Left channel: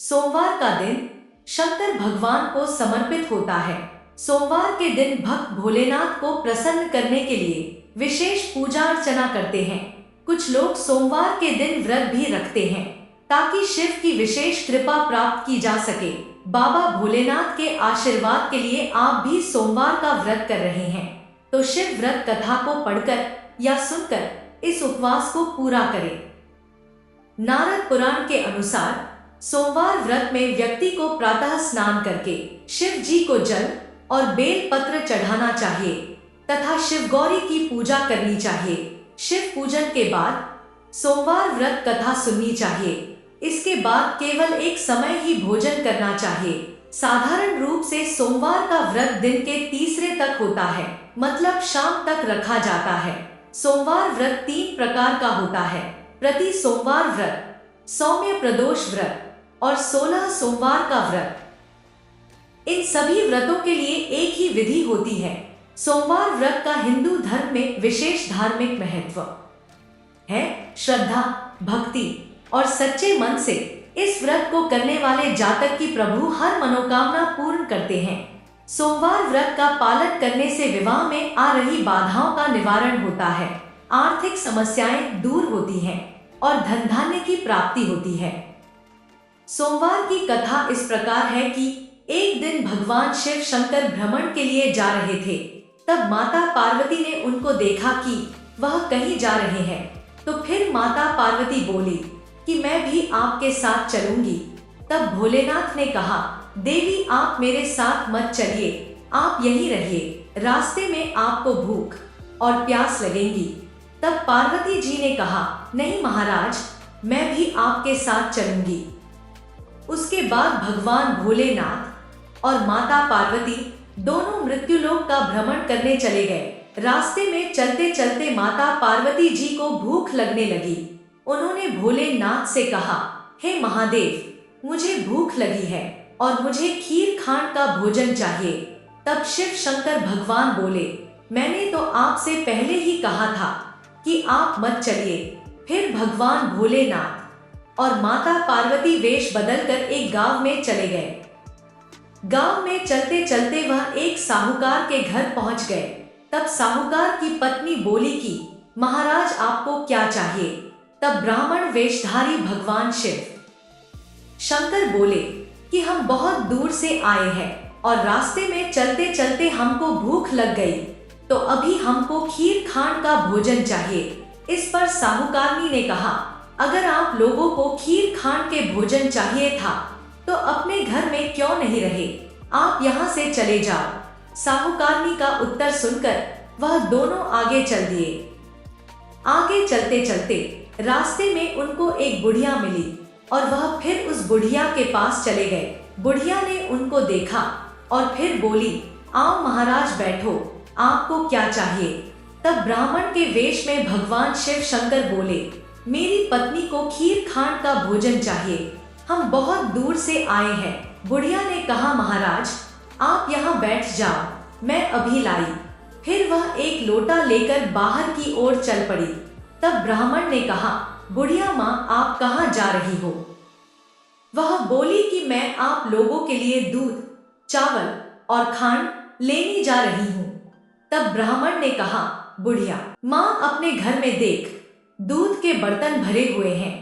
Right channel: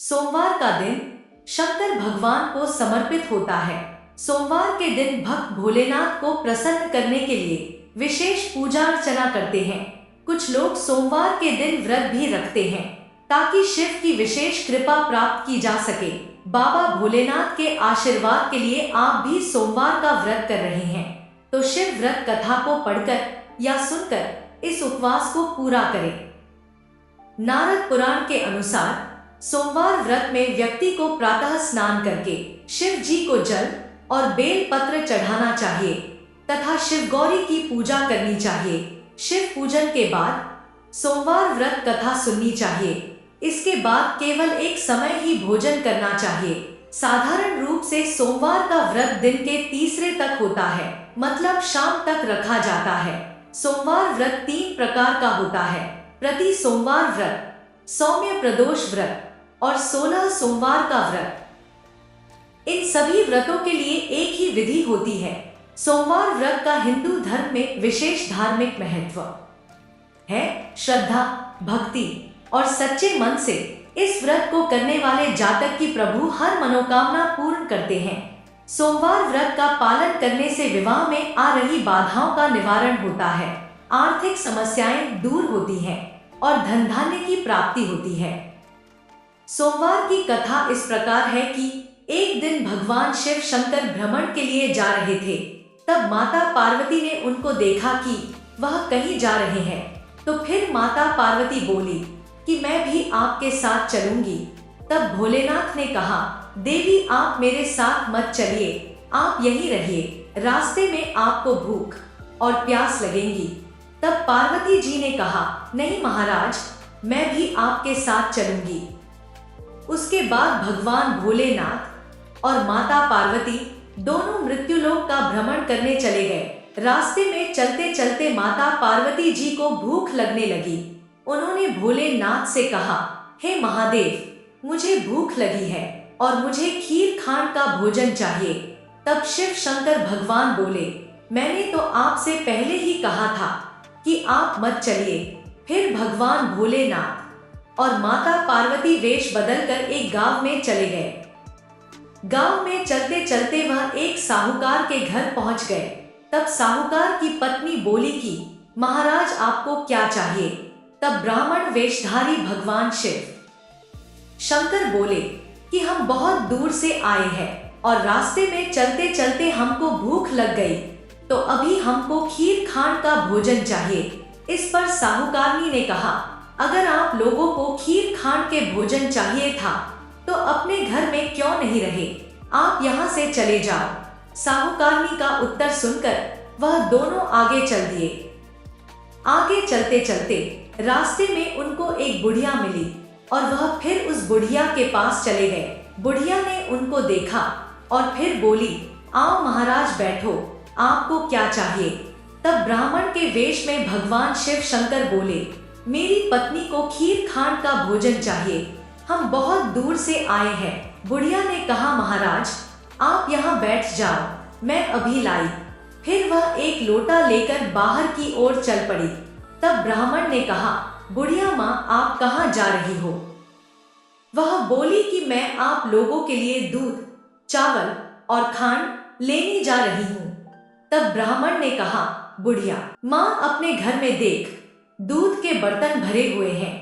सोमवार का दिन शंकर भगवान को समर्पित होता है। सोमवार के दिन भक्त भोलेनाथ को प्रसन्न करने के लिए विशेष पूजा अर्चना करते हैं। कुछ लोग सोमवार के दिन व्रत भी रखते हैं ताकि शिव की विशेष कृपा प्राप्त की जा सके। बाबा भोलेनाथ के आशीर्वाद के लिए आप भी सोमवार का व्रत कर रहे हैं तो शिव व्रत कथा को पढ़कर या सुनकर इस उपवास को पूरा करें। नारद पुराण के अनुसार सोमवार व्रत में व्यक्ति को प्रातः स्नान करके शिव जी को जल और बेल पत्र चढ़ाना चाहिए तथा शिव गौरी की पूजा करनी चाहिए। शिव पूजन के बाद सोमवार व्रत कथा सुननी चाहिए। इसके बाद केवल एक समय ही भोजन करना चाहिए। साधारण रूप से सोमवार का व्रत दिन के तीसरे तक होता है, मतलब शाम तक रखा जाता है। सोमवार व्रत 3 प्रकार का होता है: प्रति सोमवार व्रत, सौम्य प्रदोष व्रत और 16 सोमवार का व्रत। इन सभी व्रतों के लिए एक ही विधि होती है। सोमवार व्रत का हिंदू धर्म में विशेष धार्मिक महत्व है। श्रद्धा, भक्ति और सच्चे मन से इस व्रत को करने वाले जातक की प्रभु हर मनोकामना पूर्ण करते हैं। सोमवार व्रत का पालन करने से विवाह में आ रही बाधाओं का निवारण होता है, आर्थिक समस्याएं दूर होती हैं और धन धान्य की प्राप्ति होती है। सोमवार की कथा इस प्रकार है कि एक दिन भगवान शिव शंकर भ्रमण के लिए जा रहे थे। तब माता पार्वती ने उनको देखा कि वह कहीं जा रहे हैं, तो फिर माता पार्वती बोली कि मैं भी आपके साथ चलूंगी। तब भोलेनाथ ने कहा, देवी आप मेरे साथ मत चलिए, आप यहीं रहिए, रास्ते में आपको भूख और प्यास लगेंगी। तब पार्वती जी ने कहा, नहीं महाराज, मैं भी आपके साथ चलूंगी। उसके बाद भगवान भोलेनाथ और माता पार्वती दोनों मृत्युलोक का भ्रमण करने चले गए। रास्ते में चलते चलते माता पार्वती जी को भूख लगने लगी। उन्होंने भोलेनाथ से कहा, हे महादेव, मुझे भूख लगी है और मुझे खीर खांड का भोजन चाहिए। तब शिव शंकर भगवान बोले, मैंने तो आपसे पहले ही कहा था कि आप मत चलिए। फिर भगवान भोलेनाथ और माता पार्वती वेश बदलकर एक गांव में चले गए। गांव में चलते चलते वह एक साहूकार के घर पहुंच गए। तब साहूकार की पत्नी बोली कि महाराज आपको क्या चाहिए? तब ब्राह्मण वेशधारी भगवान शिव शंकर बोले कि हम बहुत दूर से आए हैं और रास्ते में चलते चलते हमको भूख लग गई, तो अभी हमको खीर खांड का भोजन चाहिए। इस पर साहूकारनी ने कहा, अगर आप लोगों को खीर खांड के भोजन चाहिए था तो अपने घर में क्यों नहीं रहे, आप यहाँ से चले जाओ। साहूकारनी का उत्तर सुनकर वह दोनों आगे चल दिए। आगे चलते चलते रास्ते में उनको एक बुढ़िया मिली और वह फिर उस बुढ़िया के पास चले गए। बुढ़िया ने उनको देखा और फिर बोली, आओ महाराज बैठो, आपको क्या चाहिए? तब ब्राह्मण के वेश में भगवान शिव शंकर बोले, मेरी पत्नी को खीर खांड का भोजन चाहिए, हम बहुत दूर से आए हैं। बुढ़िया ने कहा, महाराज आप यहाँ बैठ जाओ, मैं अभी लाई। फिर वह एक लोटा लेकर बाहर की ओर चल पड़ी। तब ब्राह्मण ने कहा, बुढ़िया माँ आप कहाँ जा रही हो? वह बोली कि मैं आप लोगों के लिए दूध, चावल और खांड लेने जा रही हूँ। तब ब्राह्मण ने कहा, बुढ़िया माँ अपने घर में देख, दूध के बर्तन भरे हुए हैं,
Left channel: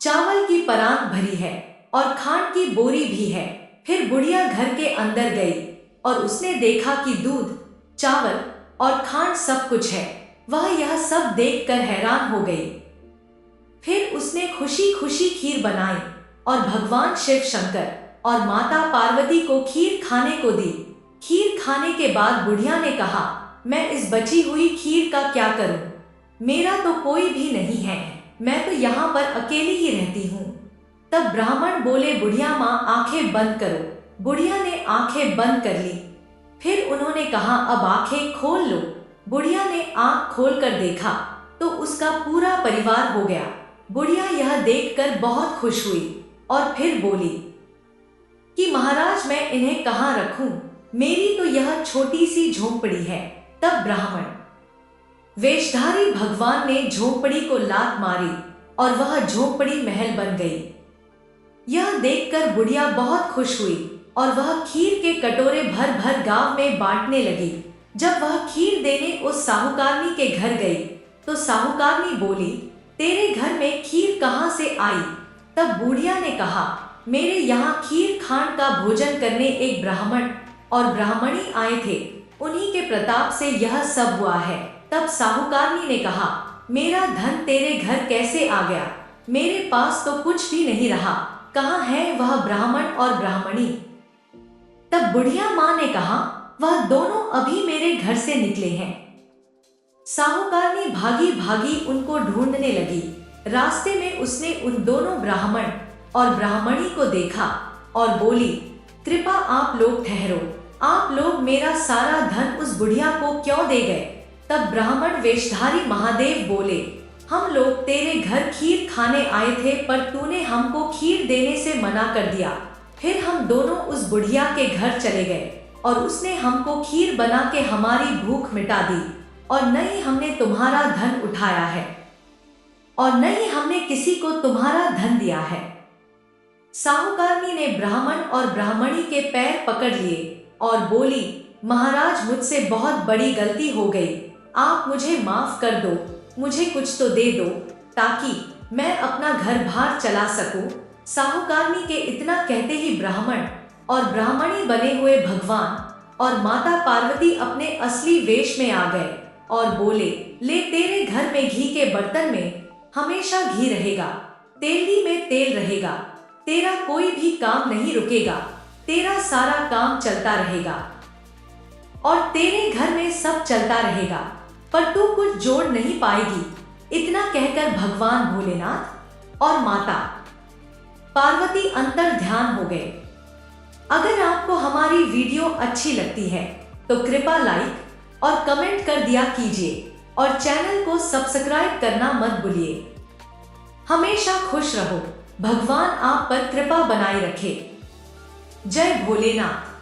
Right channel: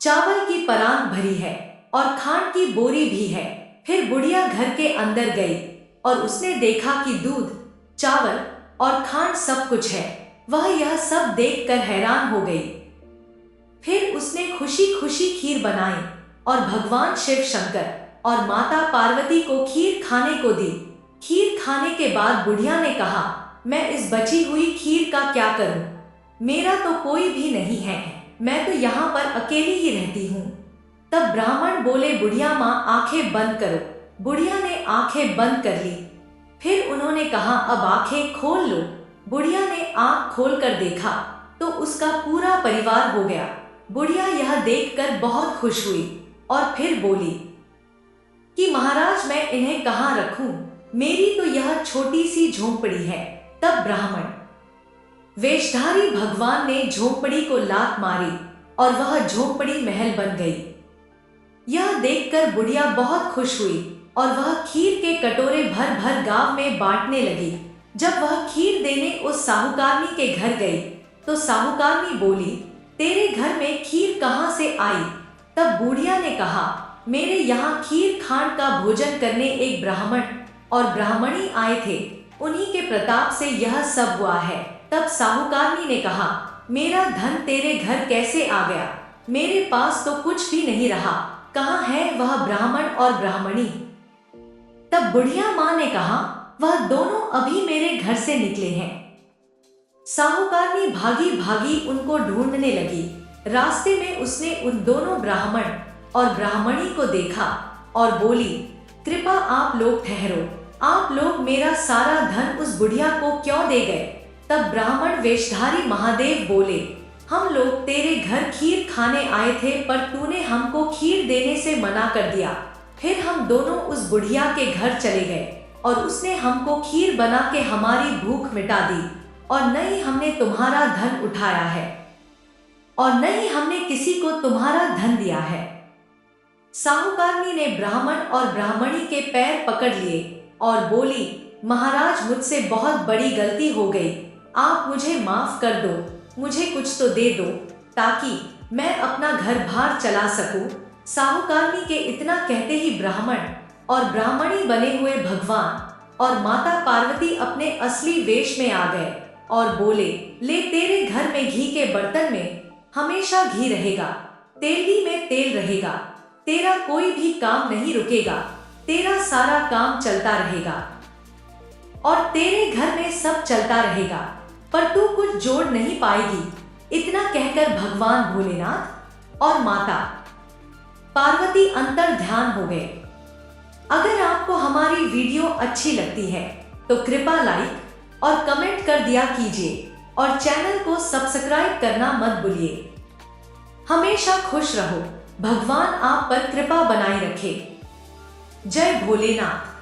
चावल की परात भरी है और खांड की बोरी भी है। फिर बुढ़िया घर के अंदर गई और उसने देखा कि दूध, चावल और खांड सब कुछ है। वह यह सब देखकर हैरान हो गई। फिर उसने खुशी खुशी खीर बनाई और भगवान शिव शंकर और माता पार्वती को खीर खाने को दी। खीर खाने के बाद बुढ़िया ने कहा, मैं इस बची हुई खीर का क्या करूं? मेरा तो कोई भी नहीं है, मैं तो यहाँ पर अकेली ही रहती हूँ। तब ब्राह्मण बोले, बुढ़िया माँ आंखें बंद करो। बुढ़िया ने आंखें बंद कर ली। फिर उन्होंने कहा, अब आंखें खोल लो। बुढ़िया ने आंख खोलकर देखा तो उसका पूरा परिवार हो गया। बुढ़िया यह देखकर बहुत खुश हुई और फिर बोली कि महाराज मैं इन्हें कहाँ रखूं? मेरी तो यह छोटी सी झोंपड़ी है। तब ब्राह्मण वेशधारी भगवान ने झोंपड़ी को लात मारी और वह झोंपड़ी महल बन गई। यह देखकर बुढ़िया बहुत खुश हुई और वह खीर के कटोरे भर भर गांव में बांटने लगी। जब वह खीर देने उस साहूकारनी के घर गई तो साहूकारनी बोली, तेरे घर में खीर कहाँ से आई? तब बुढ़िया ने कहा, मेरे यहाँ खीर खांड का भोजन करने एक ब्राह्मण और ब्राह्मणी आए थे, उन्हीं के प्रताप से यह सब हुआ है। तब साहूकारनी ने कहा, मेरा धन तेरे घर कैसे आ गया? मेरे पास तो कुछ भी नहीं रहा, कहाँ है वह ब्राह्मण और ब्राह्मणी? तब बुढ़िया माँ ने कहा, वह दोनों अभी मेरे घर से निकले हैं। साहूकारनी भागी भागी उनको ढूंढने लगी। रास्ते में उसने उन दोनों ब्राह्मण और ब्राह्मणी को देखा और बोली, कृपा आप लोग ठहरो, आप लोग मेरा सारा धन उस बुढ़िया को क्यों दे गए? तब ब्राह्मण वेशधारी महादेव बोले, हम लोग तेरे घर खीर खाने आए थे, पर तूने हमको खीर देने से मना कर दिया। फिर हम दोनों उस बुढ़िया के घर चले गए और उसने हमको खीर बना के हमारी भूख मिटा दी, और न ही हमने तुम्हारा धन उठाया है और न ही हमने किसी को तुम्हारा धन दिया है। साहूकारनी ने ब्राह्मण और ब्राह्मणी के पैर पकड़ लिए और बोली, महाराज मुझसे बहुत बड़ी गलती हो गई, आप मुझे माफ कर दो, मुझे कुछ तो दे दो ताकि मैं अपना घर बार चला सकूं। साहूकारनी के इतना कहते ही ब्राह्मण और ब्राह्मणी बने हुए भगवान और माता पार्वती अपने असली वेश में आ गए और बोले, ले तेरे घर में घी के बर्तन में हमेशा घी रहेगा, तेली में तेल रहेगा, तेरा कोई भी काम नहीं रुकेगा, तेरा सारा काम चलता रहेगा और तेरे घर में सब चलता रहेगा, पर तू कुछ जोड़ नहीं पाएगी। इतना कहकर भगवान भोलेनाथ और माता पार्वती अंतर ध्यान हो गए। अगर आपको हमारी वीडियो अच्छी लगती है तो कृपया लाइक और कमेंट कर दिया कीजिए और चैनल को सब्सक्राइब करना मत भूलिए। हमेशा खुश रहो, भगवान आप पर कृपा बनाए रखे। जय भोलेनाथ।